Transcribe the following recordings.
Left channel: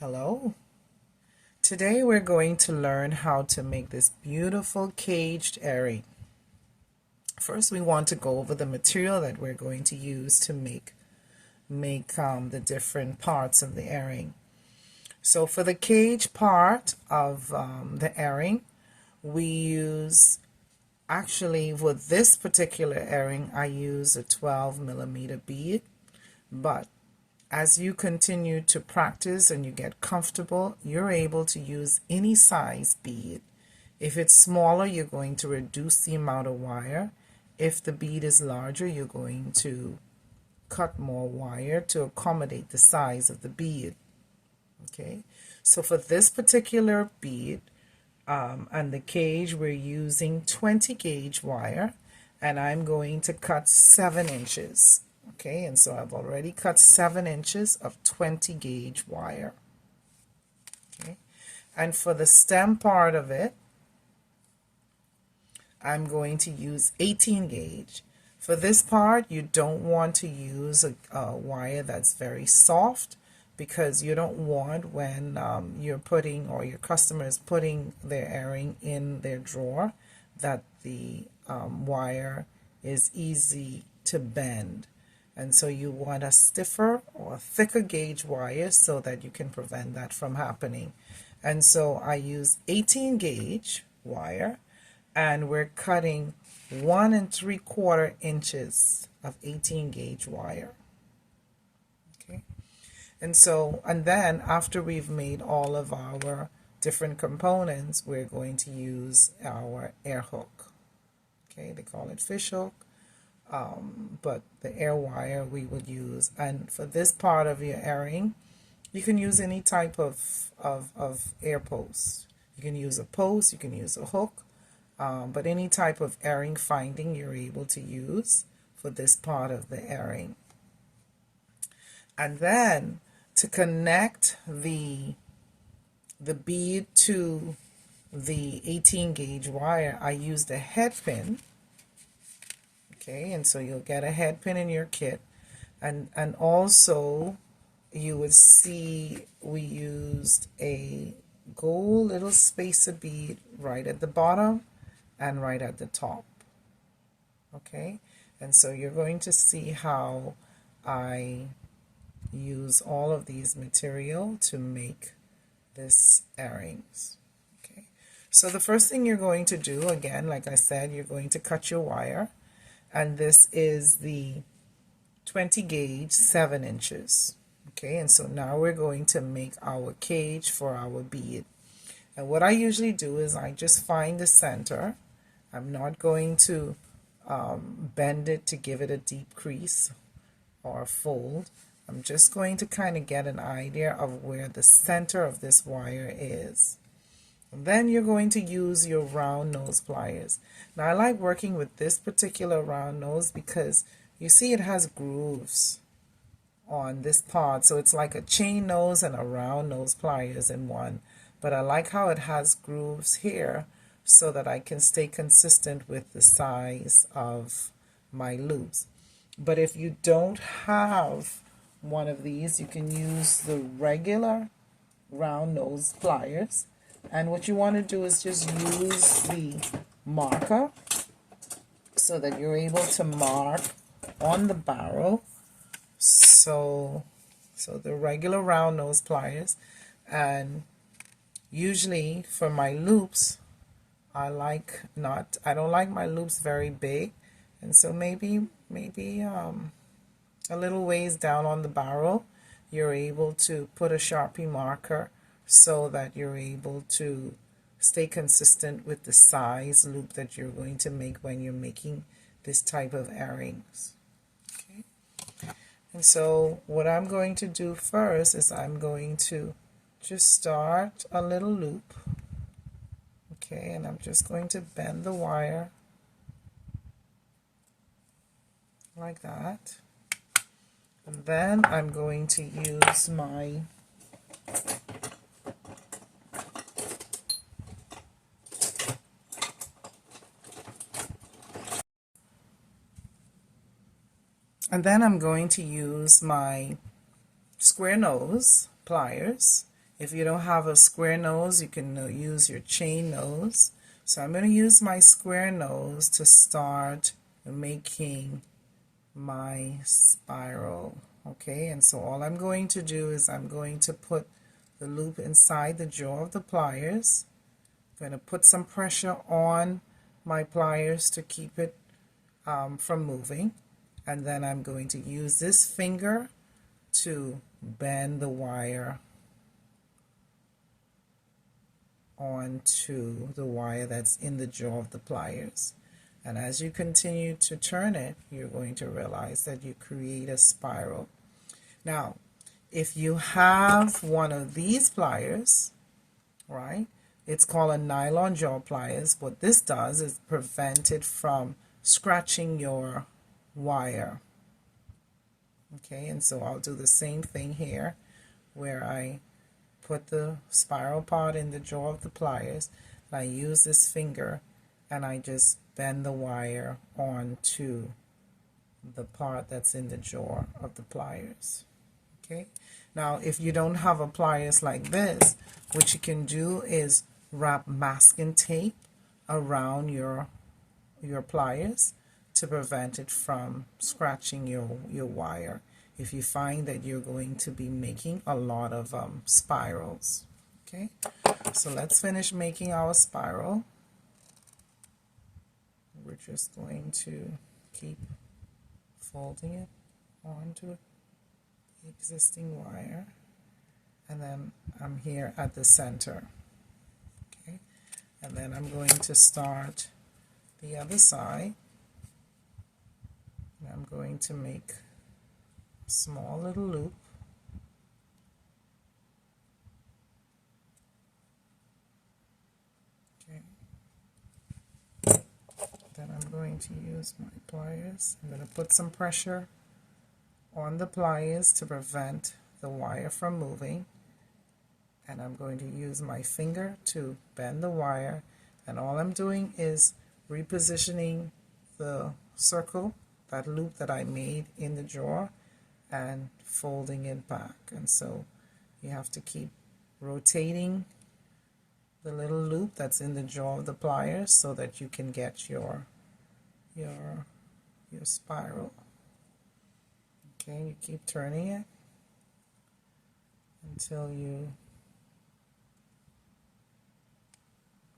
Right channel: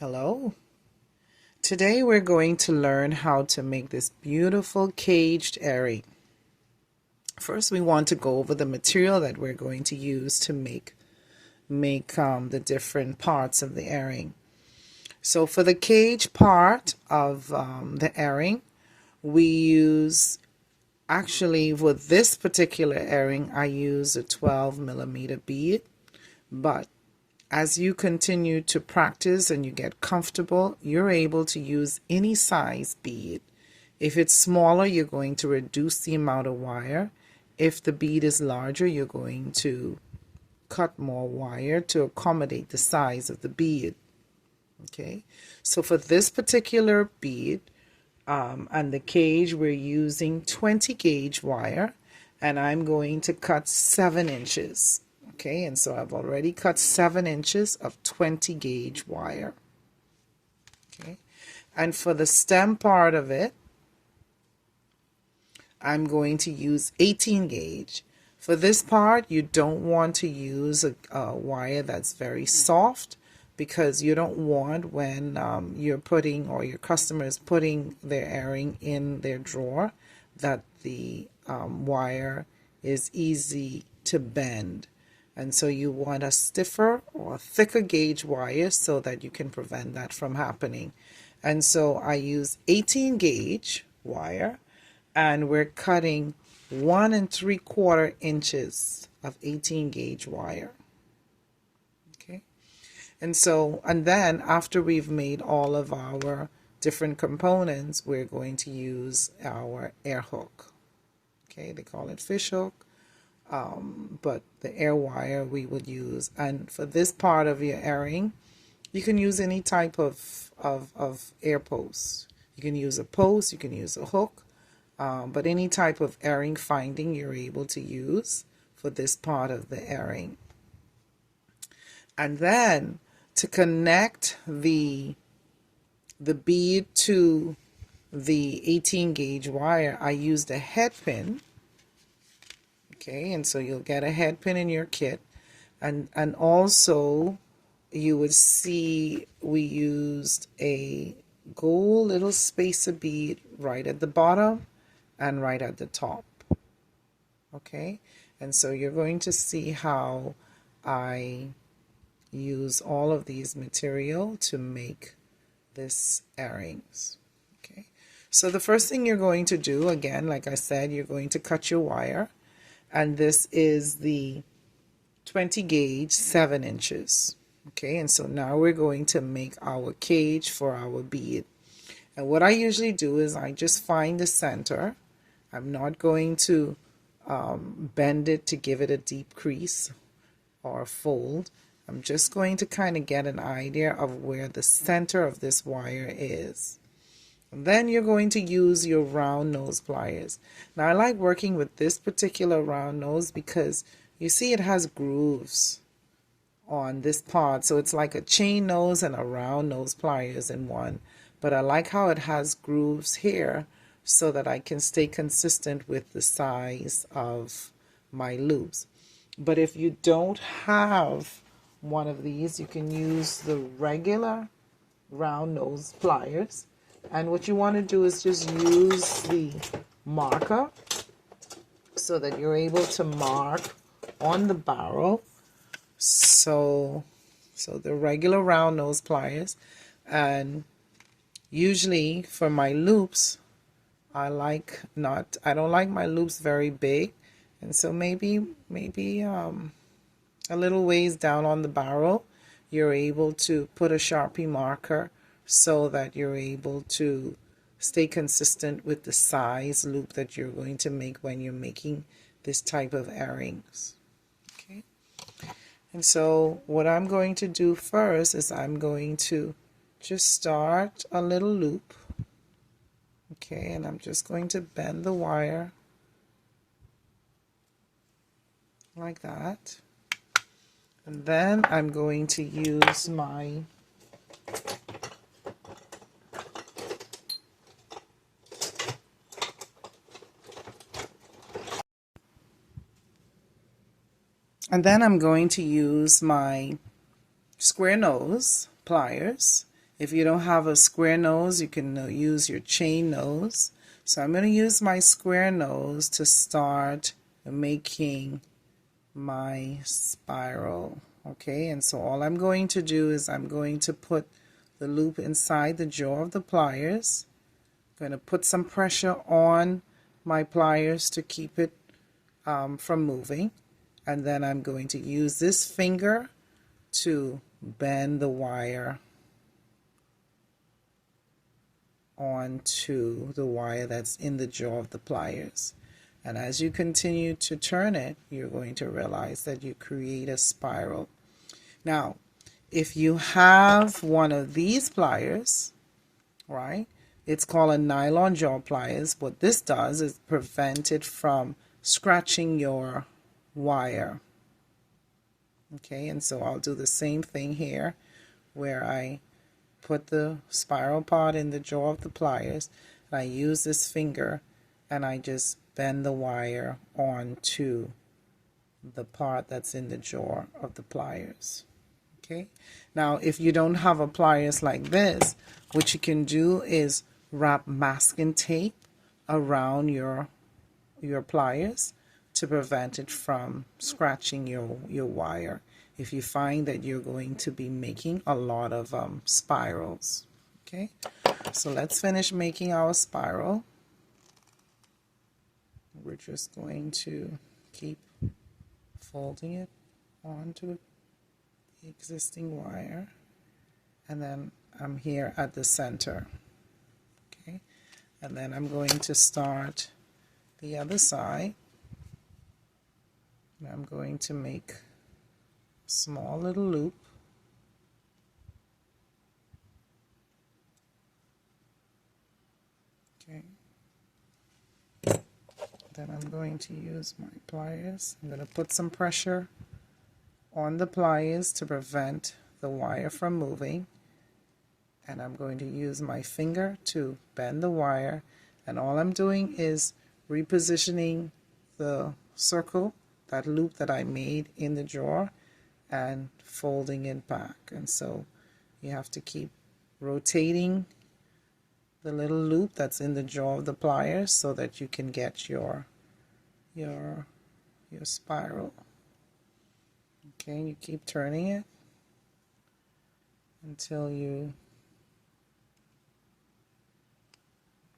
Hello. Today we're going to learn how to make this beautiful caged earring. First, we want to go over the material that we're going to use to make the different parts of the earring. So for the cage part of the earring, we use, actually with this particular earring, I use a 12mm bead, but as you continue to practice and you get comfortable, you're able to use any size bead. If it's smaller, you're going to reduce the amount of wire. If the bead is larger, you're going to cut more wire to accommodate the size of the bead. Okay, so for this particular bead and the cage, we're using 20 gauge wire, and I'm going to cut 7 inches. Okay, and so I've already cut 7 inches of 20 gauge wire. Okay, and for the stem part of it, I'm going to use 18 gauge. For this part, you don't want to use a wire that's very soft, because you don't want, when you're putting, or your customer is putting their earring in their drawer, that the wire is easy to bend. And so you want a stiffer or thicker gauge wire so that you can prevent that from happening. And so I use 18 gauge wire, and we're cutting 1 3/4 inches of 18 gauge wire. Okay. And then after we've made all of our different components, we're going to use our air hook. Okay, they call it fish hook. But the air wire we would use. And for this part of your earring, you can use any type of air post. You can use a post, you can use a hook, but any type of earring finding you're able to use for this part of the earring. And then to connect the bead to the 18 gauge wire, I used a head pin. Okay, and so you'll get a head pin in your kit, and also you would see we used a gold little spacer bead right at the bottom and right at the top. Okay, and so you're going to see how I use all of these material to make this earrings. Okay, so the first thing you're going to do, again, like I said, you're going to cut your wire. And this is the 20 gauge 7 inches. Okay, and so now we're going to make our cage for our bead. And what I usually do is I just find the center. I'm not going to bend it to give it a deep crease or a fold. I'm just going to kind of get an idea of where the center of this wire is. And then you're going to use your round nose pliers. Now I like working with this particular round nose because you see it has grooves on this part. So it's like a chain nose and a round nose pliers in one. But I like how it has grooves here so that I can stay consistent with the size of my loops. But if you don't have one of these, you can use the regular round nose pliers. And what you want to do is just use the marker so that you're able to mark on the barrel. So the regular round nose pliers. And usually for my loops, I don't like my loops very big. And so maybe a little ways down on the barrel, you're able to put a Sharpie marker so that you're able to stay consistent with the size loop that you're going to make when you're making this type of earrings. Okay, and so what I'm going to do first is I'm going to just start a little loop. Okay, and I'm just going to bend the wire like that, and then I'm going to use my square nose pliers, If you don't have a square nose, you can use your chain nose. So I'm going to use my square nose to start making my spiral. Okay, and so all I'm going to do is I'm going to put the loop inside the jaw of the pliers. I'm going to put some pressure on my pliers to keep it from moving, and then I'm going to use this finger to bend the wire onto the wire that's in the jaw of the pliers. And as you continue to turn it, you're going to realize that you create a spiral. Now, if you have one of these pliers, right, it's called a nylon jaw pliers. What this does is prevent it from scratching your wire. Okay, and so I'll do the same thing here where I put the spiral part in the jaw of the pliers, and I use this finger and I just bend the wire onto the part that's in the jaw of the pliers. Okay, now if you don't have a pliers like this, what you can do is wrap masking tape around your pliers to prevent it from scratching your wire if you find that you're going to be making a lot of spirals. Okay, so let's finish making our spiral. We're just going to keep folding it onto the existing wire, and then I'm here at the center. Okay, and then I'm going to start the other side. And I'm going to make a small little loop. Okay. Then I'm going to use my pliers. I'm going to put some pressure on the pliers to prevent the wire from moving. And I'm going to use my finger to bend the wire. And all I'm doing is repositioning the circle, that loop that I made in the drawer, and folding it back. And so you have to keep rotating the little loop that's in the jaw of the pliers so that you can get your spiral. Okay, you keep turning it until you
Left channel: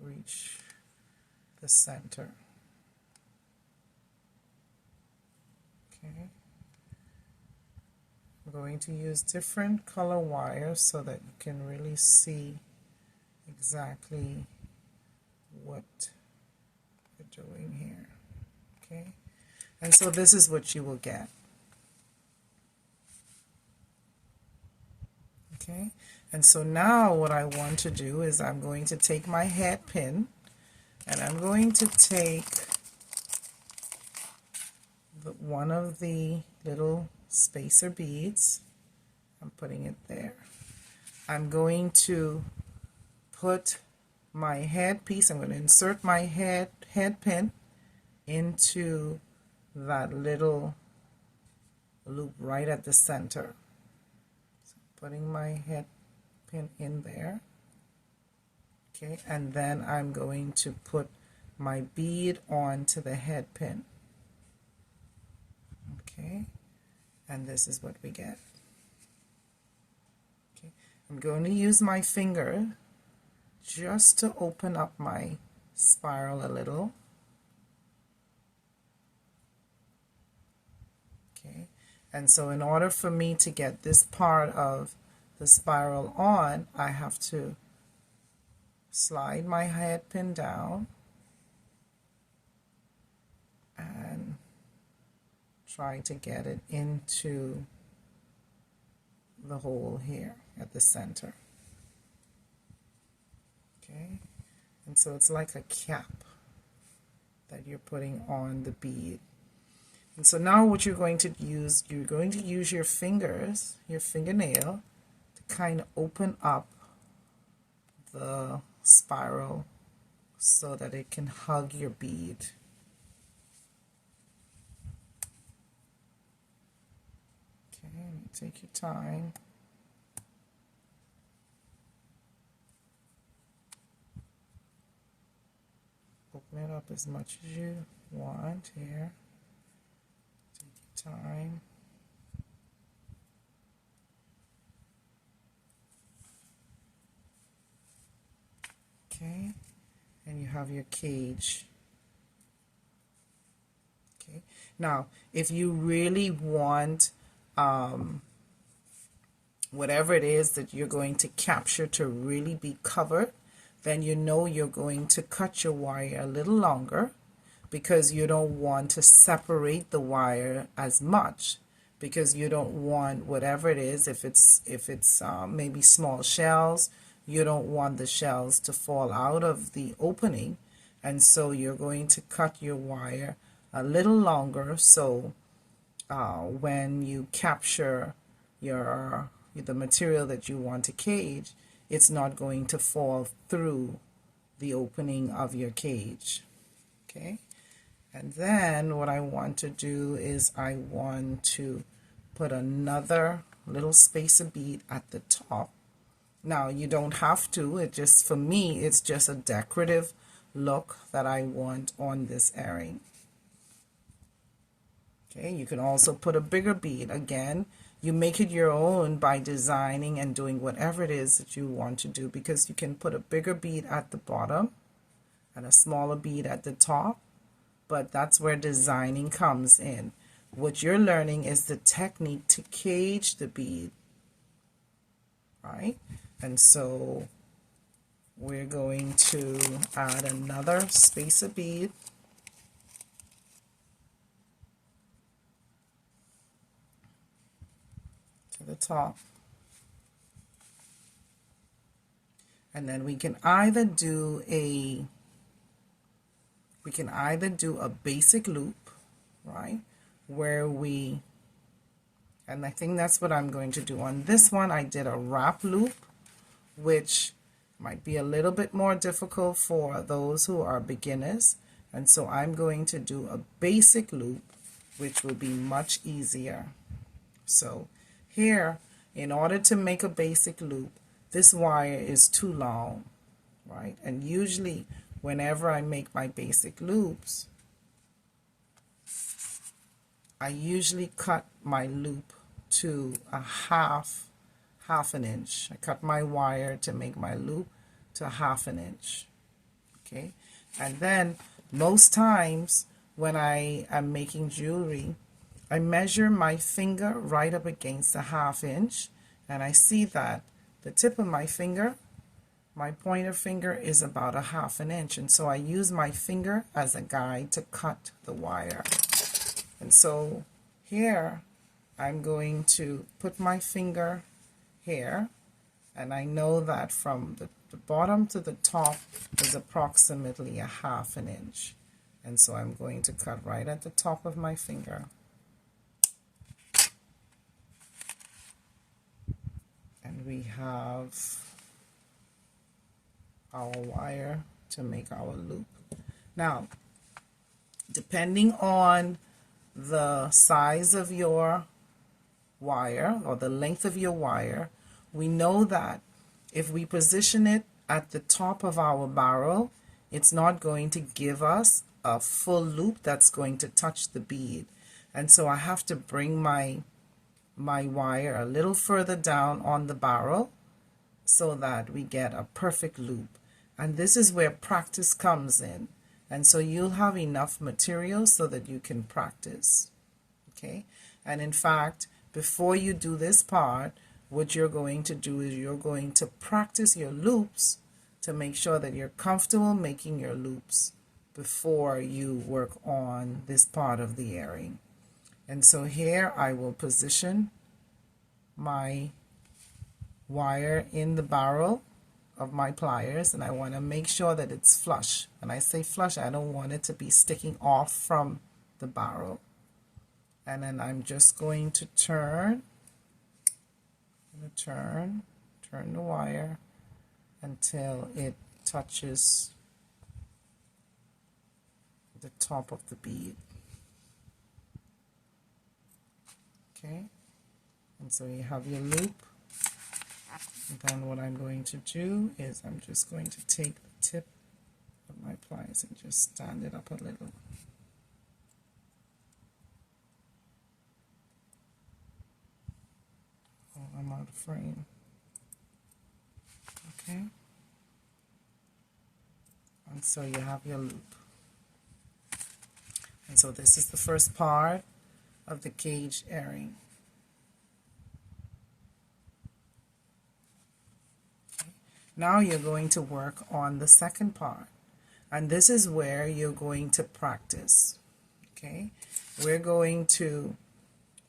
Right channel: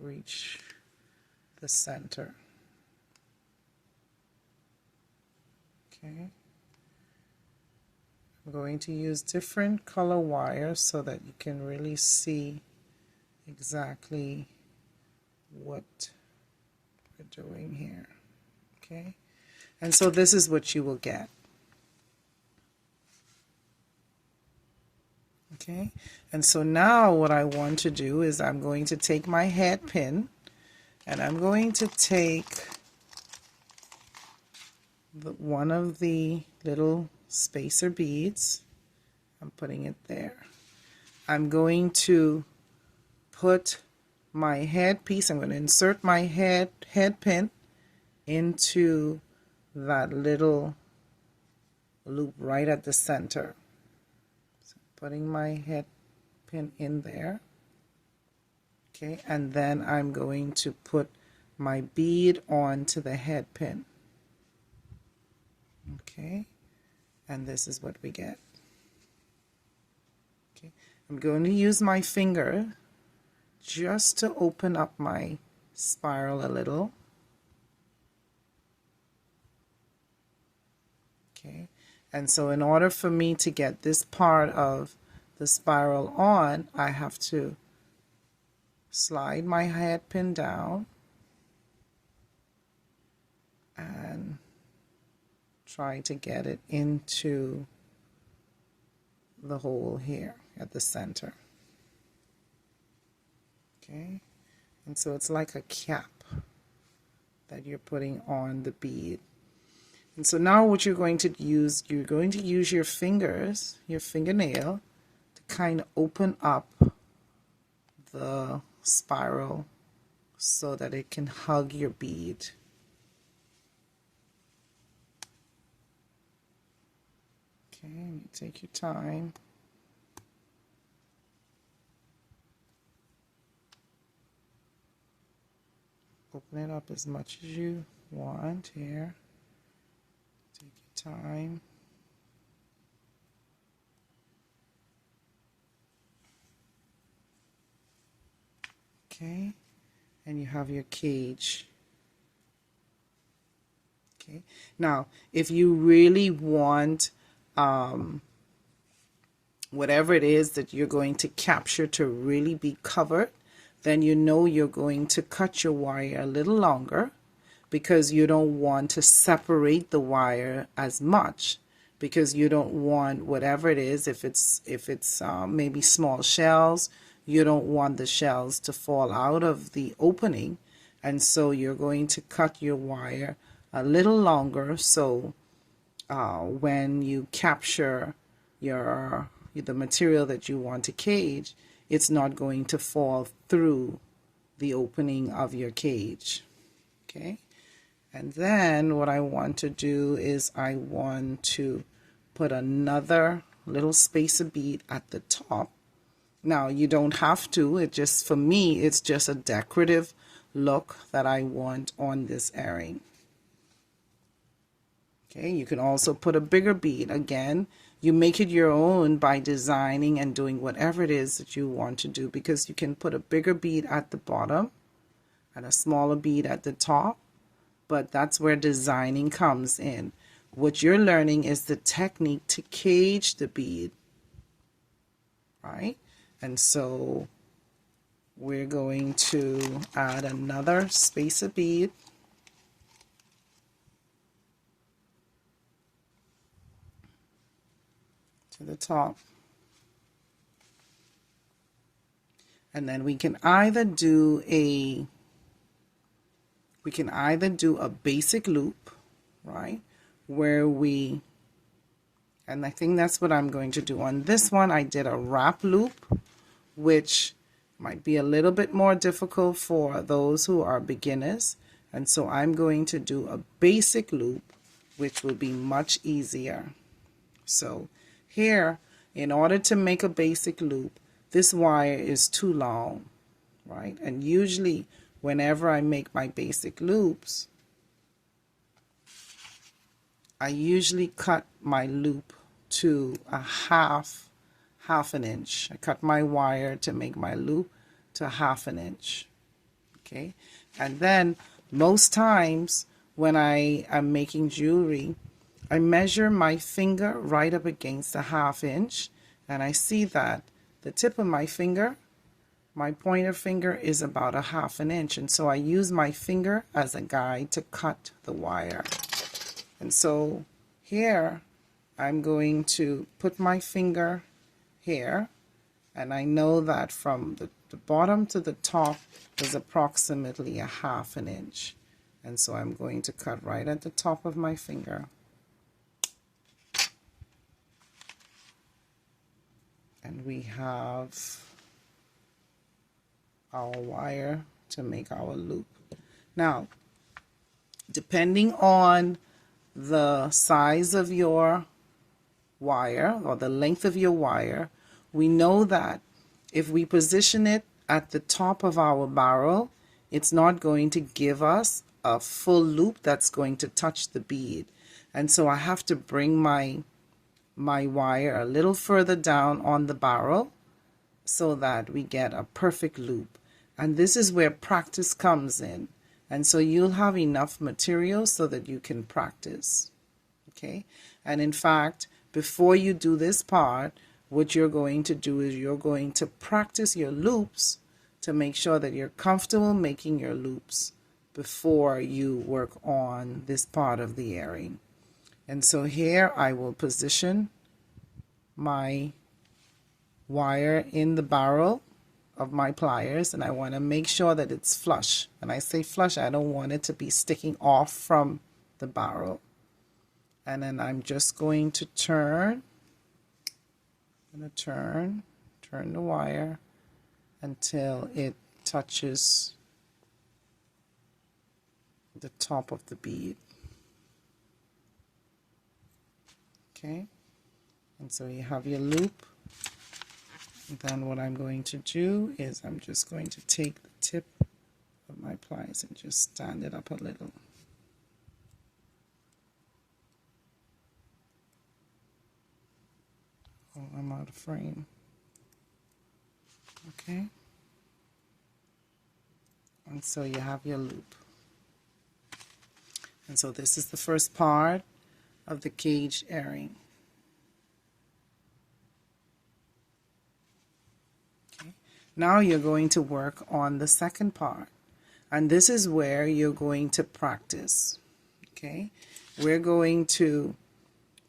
reach the center. Okay, I'm going to use different color wires so that you can really see exactly what we're doing here. Okay, and so this is what you will get. Okay, and so now what I want to do is I'm going to take my head pin and I'm going to take one of the little spacer beads. I'm putting it there. I'm going to put my head piece, I'm going to insert my head pin into that little loop right at the center. So putting my head pin in there. Okay, and then I'm going to put my bead onto the head pin. Okay, and this is what we get. Okay, I'm going to use my finger just to open up my spiral a little. Okay, and so in order for me to get this part of the spiral on, I have to slide my head pin down and try to get it into the hole here at the center. Okay, and so it's like a cap that you're putting on the bead. And so now what you're going to use your fingers, your fingernail, to kind of open up the spiral so that it can hug your bead. Okay, take your time. Open it up as much as you want here. Take your time. Okay, and you have your cage. Okay, now if you really want whatever it is that you're going to capture to really be covered, then you know you're going to cut your wire a little longer, because you don't want to separate the wire as much, because you don't want whatever it is, if it's maybe small shells, you don't want the shells to fall out of the opening, and so you're going to cut your wire a little longer, so when you capture the material that you want to cage, it's not going to fall through the opening of your cage. Okay, and then what I want to do is I want to put another little spacer bead at the top. Now you don't have to, it just, for me, it's just a decorative look that I want on this earring. Okay, you can also put a bigger bead. Again, you make it your own by designing and doing whatever it is that you want to do, because you can put a bigger bead at the bottom and a smaller bead at the top, but that's where designing comes in. What you're learning is the technique to cage the bead, right? And so we're going to add another spacer bead to the top. And then we can either do a basic loop, right? And I think that's what I'm going to do. On this one, I did a wrap loop, which might be a little bit more difficult for those who are beginners. And so I'm going to do a basic loop, which will be much easier. So here, in order to make a basic loop, this wire is too long, right? And usually whenever I make my basic loops, I usually cut my loop to a half an inch. I cut my wire to make my loop to half an inch. Okay, and then most times when I am making jewelry, I measure my finger right up against a half inch, and I see that the tip of my finger, my pointer finger, is about a half an inch, and so I use my finger as a guide to cut the wire. And so here I'm going to put my finger here, and I know that from the bottom to the top is approximately a half an inch, and so I'm going to cut right at the top of my finger. And we have our wire to make our loop. Now, depending on the size of your wire or the length of your wire, we know that if we position it at the top of our barrel, it's not going to give us a full loop that's going to touch the bead. And so I have to bring my wire a little further down on the barrel so that we get a perfect loop. And this is where practice comes in. And so you'll have enough material so that you can practice. Okay? And in fact, before you do this part, what you're going to do is you're going to practice your loops to make sure that you're comfortable making your loops before you work on this part of the earring. And so here I will position my wire in the barrel of my pliers, and I want to make sure that it's flush. When I say flush, I don't want it to be sticking off from the barrel. And then I'm just going to turn the wire until it touches the top of the bead. Okay, and so you have your loop. And then what I'm going to do is I'm just going to take the tip of my my pliers and just stand it up a little. Oh, I'm out of frame. Okay. And so you have your loop. And so this is the first part of the cage earring. Okay. Now you're going to work on the second part. And this is where you're going to practice. Okay. We're going to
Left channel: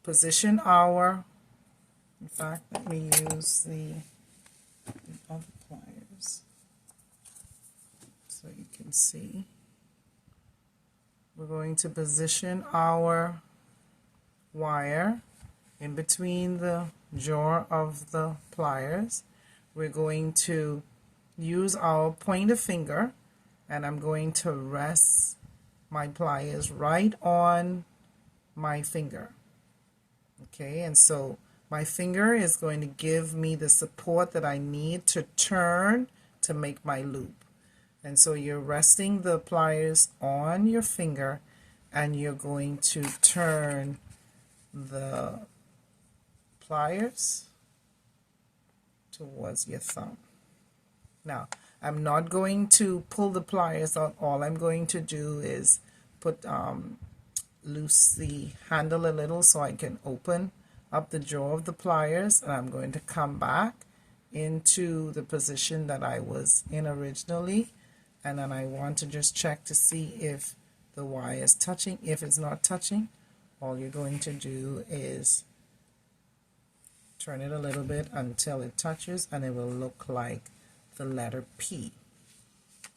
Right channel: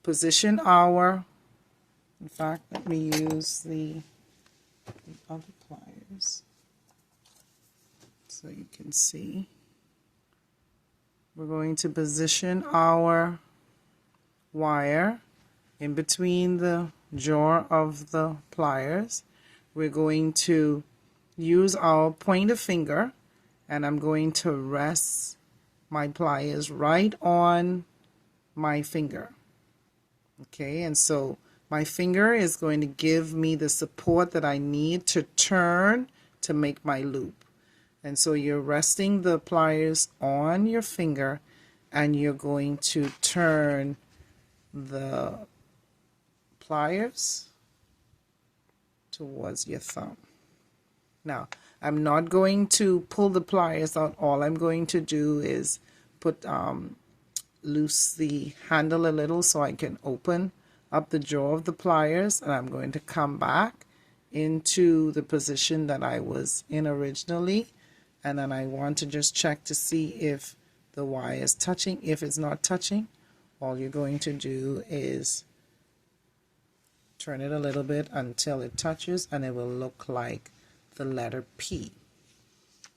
position our, in fact, let me use the other pliers so you can see. We're going to position our wire in between the jaw of the pliers. We're going to use our pointer finger, and I'm going to rest my pliers right on my finger. Okay, and so my finger is going to give me the support that I need to turn to make my loop. And so you're resting the pliers on your finger, and you're going to turn the pliers towards your thumb. Now, I'm not going to pull the pliers out. All I'm going to do is put loose the handle a little so I can open up the jaw of the pliers, and I'm going to come back into the position that I was in originally, and then I want to just check to see if the wire is touching. If it's not touching, all you're going to do is turn it a little bit until it touches, and it will look like the letter P.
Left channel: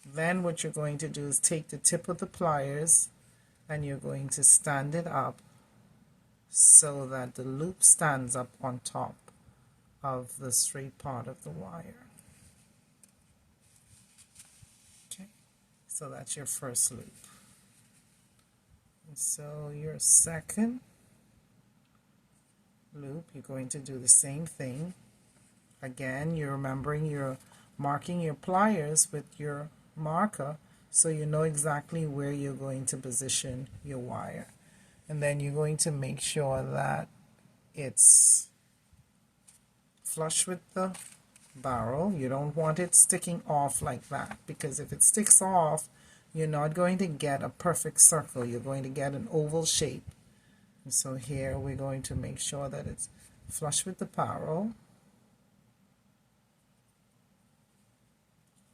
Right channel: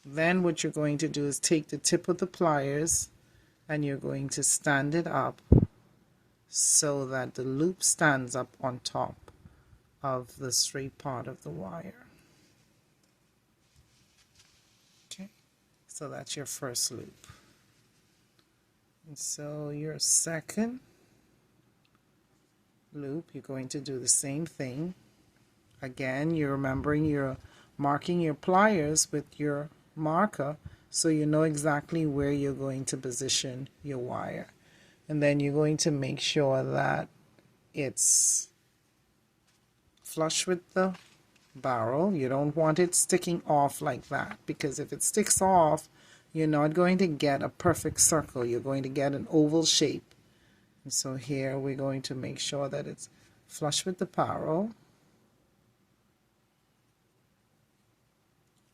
Then what you're going to do is take the tip of the pliers and you're going to stand it up so that the loop stands up on top of the straight part of the wire. Okay, so that's your first loop. And so your second loop, you're going to do the same thing. Again, you're remembering you're marking your pliers with your marker so you know exactly where you're going to position your wire. And then you're going to make sure that it's flush with the barrel. You don't want it sticking off like that, because if it sticks off, you're not going to get a perfect circle. You're going to get an oval shape. And so here we're going to make sure that it's flush with the barrel.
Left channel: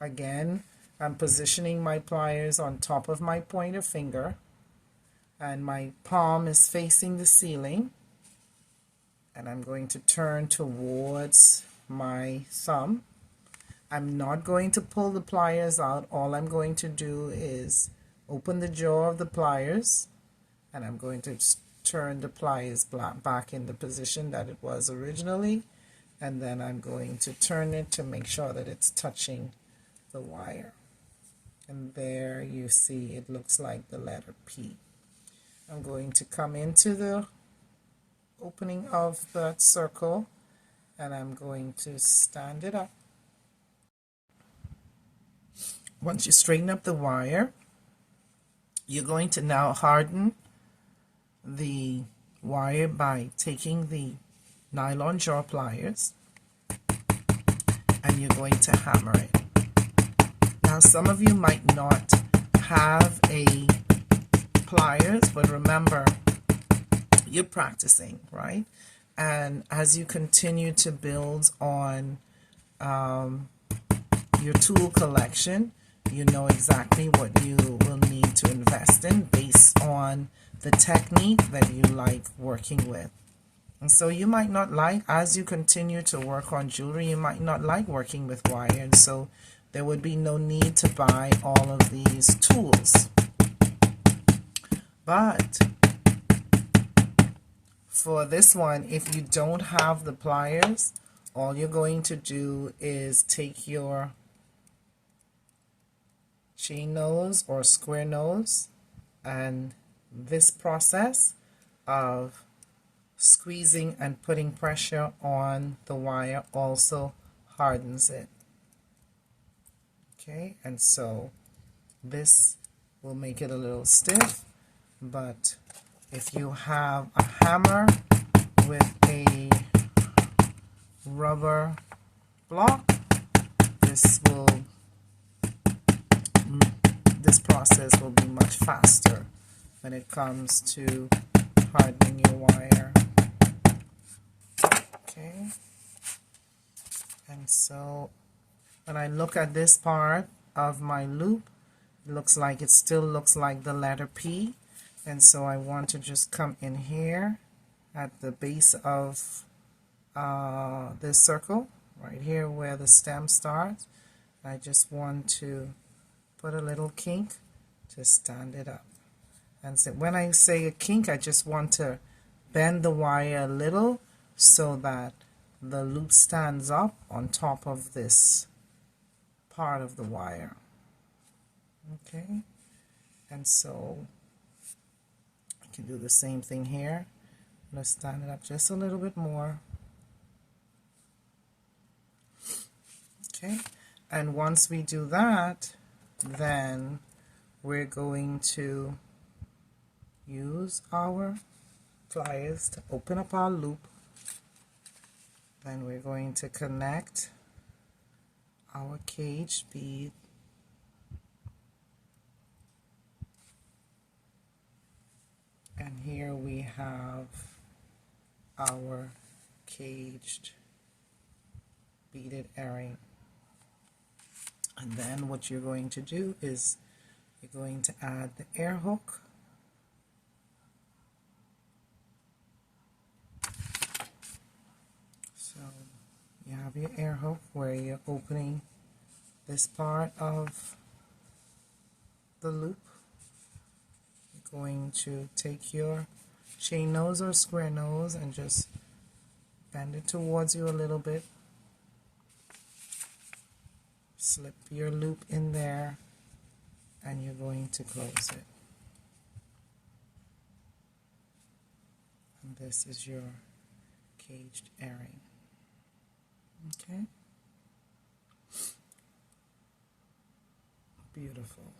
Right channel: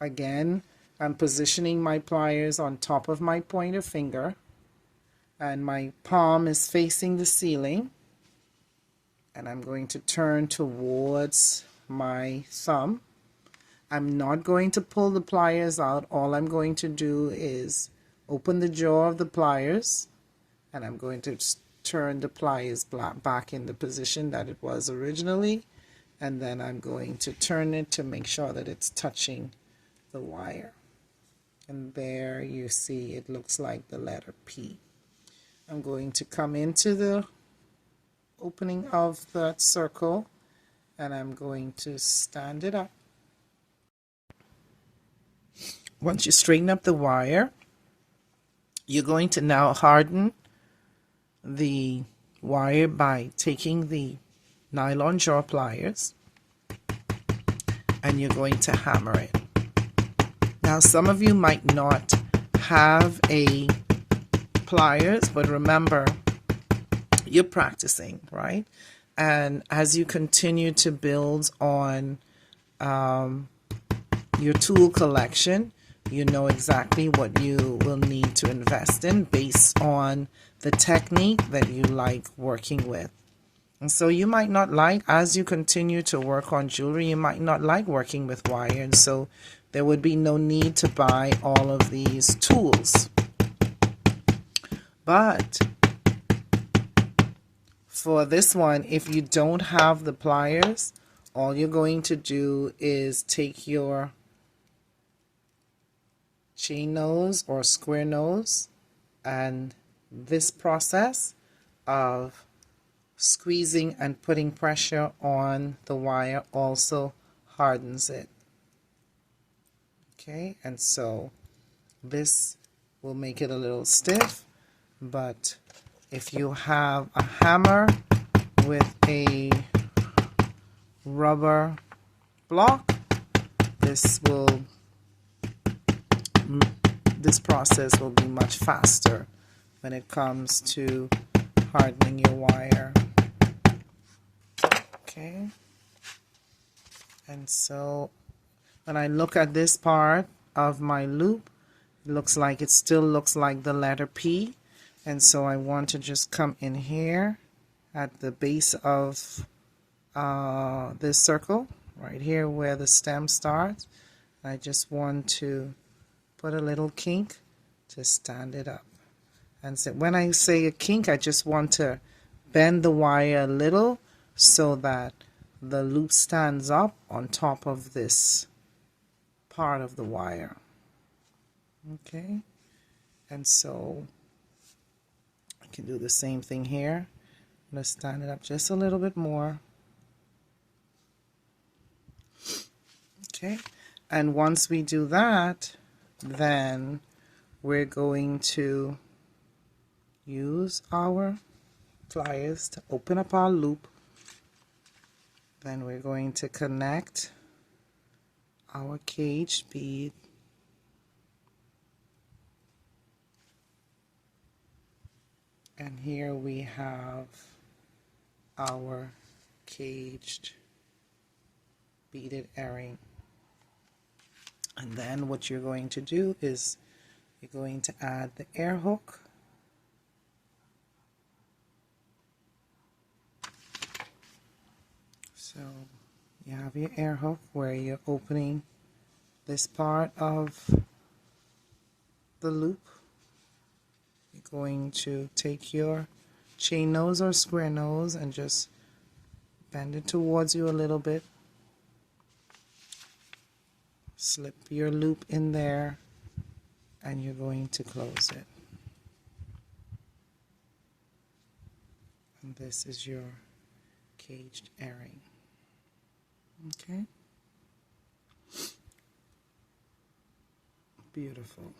Again, I'm positioning my pliers on top of my pointer finger, and my palm is facing the ceiling, and I'm going to turn towards my thumb. I'm not going to pull the pliers out. All I'm going to do is open the jaw of the pliers, and I'm going to turn the pliers back in the position that it was originally, and then I'm going to turn it to make sure that it's touching the wire. And there you see it looks like the letter P. I'm going to come into the opening of that circle, and I'm going to stand it up. Once you straighten up the wire, you're going to now harden the wire by taking the nylon jaw pliers, and you're going to hammer it. Now, some of you might not have a pliers, but remember, you're practicing, right? And as you continue to build on your tool collection, you know exactly what you will need to invest in based on the technique that you like working with. And so you might not like, as you continue to work on jewelry, you might not like working with wire, and so there would be no need to buy all of these tools. But for this one, if you don't have the pliers, all you're going to do is take your chain nose or square nose, and this process of squeezing and putting pressure on the wire also hardens it. Okay, and so This will make it a little stiff, but if you have a hammer with a rubber block, this process will be much faster when it comes to hardening your wire. Okay, and so when I look at this part of my loop, it still looks like the letter P, and so I want to just come in here at the base of this circle right here where the stem starts. I just want to put a little kink to stand it up. And so when I say a kink, I just want to bend the wire a little so that the loop stands up on top of this part of the wire. Okay, and so I can do the same thing here. I'm going to stand it up just a little bit more. Okay, and once we do that, then we're going to use our pliers to open up our loop. Then we're going to connect our cage bead and here we have our caged beaded earring. And then what you're going to do is you're going to add the air hook. So you have your air hook where you're opening this part of the loop. You're going to take your chain nose or square nose and just bend it towards you a little bit. Slip your loop in there and you're going to close it. And this is your caged earring. Okay? Beautiful.